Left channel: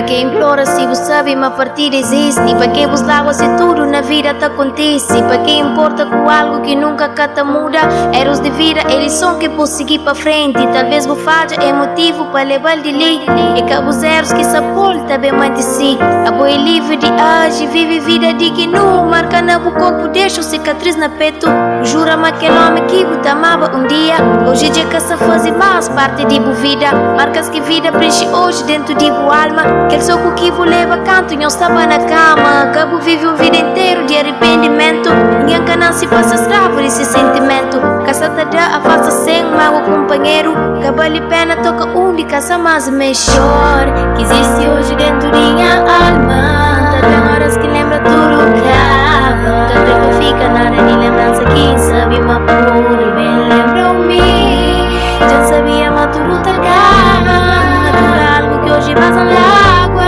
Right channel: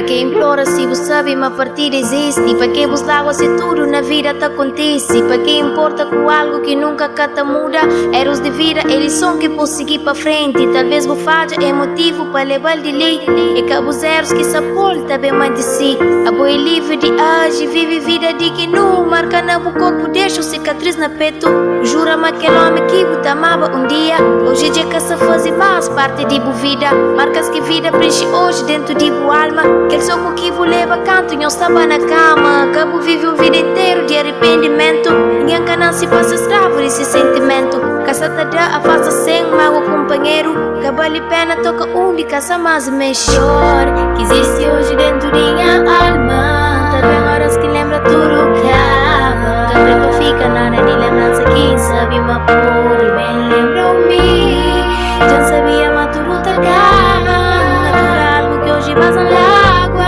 Para quem implora se você sabe, uma partida existe. Para quem vos lágua se tudo na vida te acontece. Para quem importa com algo que nunca cata muda. Eros de vida, eles são que posso seguir para frente. Talvez vos falha é motivo para levar de lei. É que os erros que se aporta bem mais de si. A boa é livre de agir, vive vida de que não. Marca na boca corpo, deixa cicatriz na peito. Jura-me aquele homem que você amava um dia. Hoje é que se faz mais parte de boa vida. Marcas que vida preenche hoje dentro de boa alma. Aquele soco que você leva canto e não estava na cama. Cabo vive uma vida inteira de arrependimento. Ninguém que não se passa escravo desse sentimento. Caçata dá afasta sem mágoa companheiro. Que vale a pena toca única, só mais melhor que existe hoje dentro de minha alma. Também horas que lembra tudo que acaba. Também não fica nada de lembrança. Quem sabe uma pura bem lembra-me. Já sabia mas tudo tá acaba. Natural algo que hoje vaza na água.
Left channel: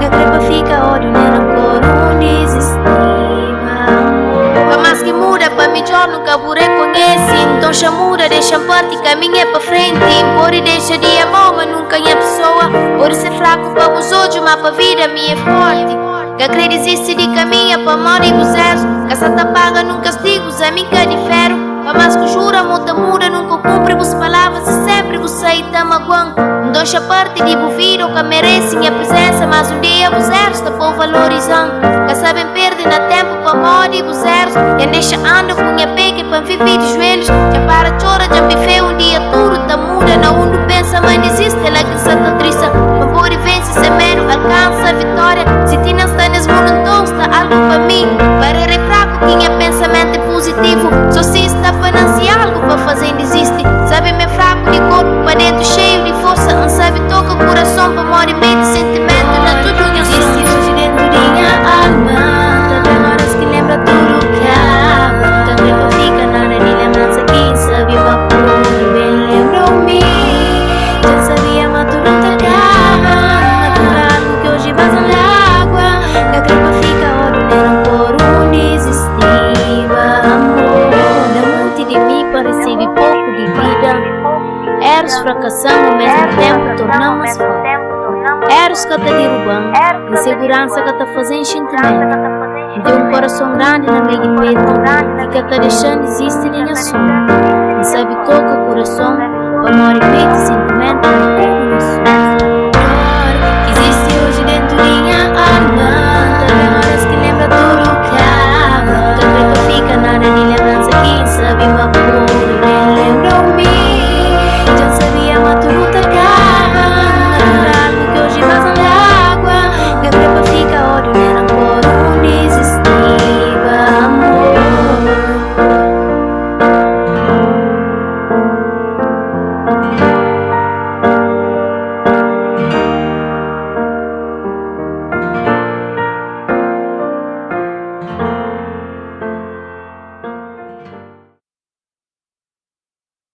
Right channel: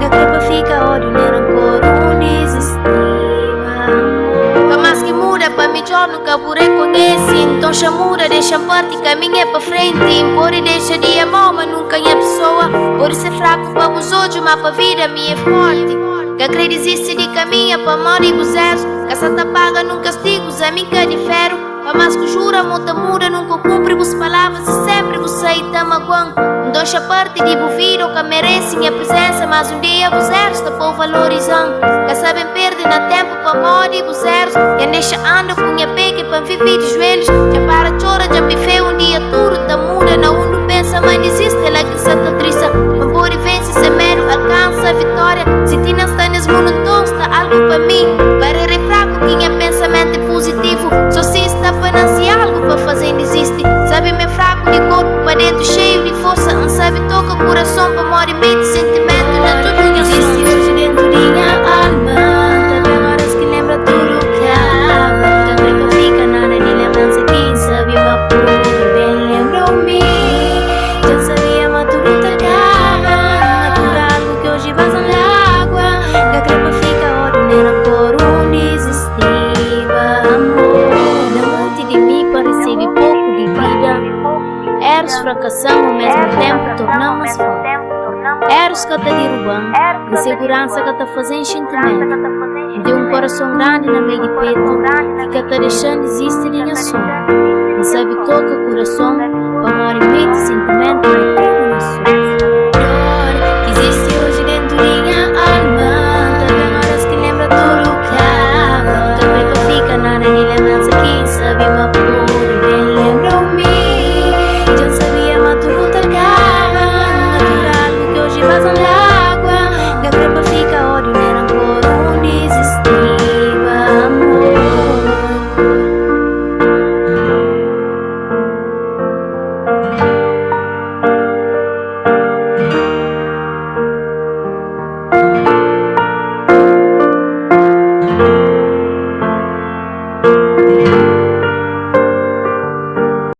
Que crepa fica ódio nem rancor. Um desestima amor. Pra mais que muda, pra melhor nunca vou reconhecer. Então chamura, deixa parte, caminha pra frente. Pode deixa de amor, mas nunca é pessoa. Pode ser fraco pra os outros, mas pra vida minha é forte. Que acredite de caminha pra morrer os erros. Que se te paga num castigo, a mim que difero. Pra mais que jura, muda, nunca cumpre vos palavras e sempre vos sai da magoão. Não deixa parte de vos vir ou que merecem a presença, mas um dia vos erros tá por valorizando. Que sabem perder na tempo pra morrer vos erros. E deixa anda com minha pega pra viver de joelhos. Já para chora, já me fez um dia tudo tá muda. Não uno pensa, mas desiste, ela que se tá triste. Mas por e vence, se mero, alcança a vitória. Se ti não está nesse mundo, então está algo pra mim. Para refraco, quem é pensamento positivo. Só se está para nascer algo para fazer desiste. Sabe me fraco de corpo para dentro cheio de força. Não sabe toca o coração para morrer meio de sentimento. Na tudo que existe hoje dentro de minha alma. Também horas que lembra tudo que acaba. Também não fica nada de lembrança. Quem sabe uma pura bem lembra-me. Já sabia mas tudo tá acaba. Natural algo que hoje vaza na água. Que a crepa fica ódio nem rancor. Um desestima amor. De mim pareceu pouco de vida. Eros fracassamos ao mesmo tempo, tornamos forte. Eros que te derrubando, insegurança que te fazendo sentimento. De um coração grande na meio de peito, e que te deixando existir em sombra. Não sabe toca o coração, para morrer meio de sentimento, e tudo no sonho. Dor que existe hoje dentro de minha alma. Também horas que lembra tudo que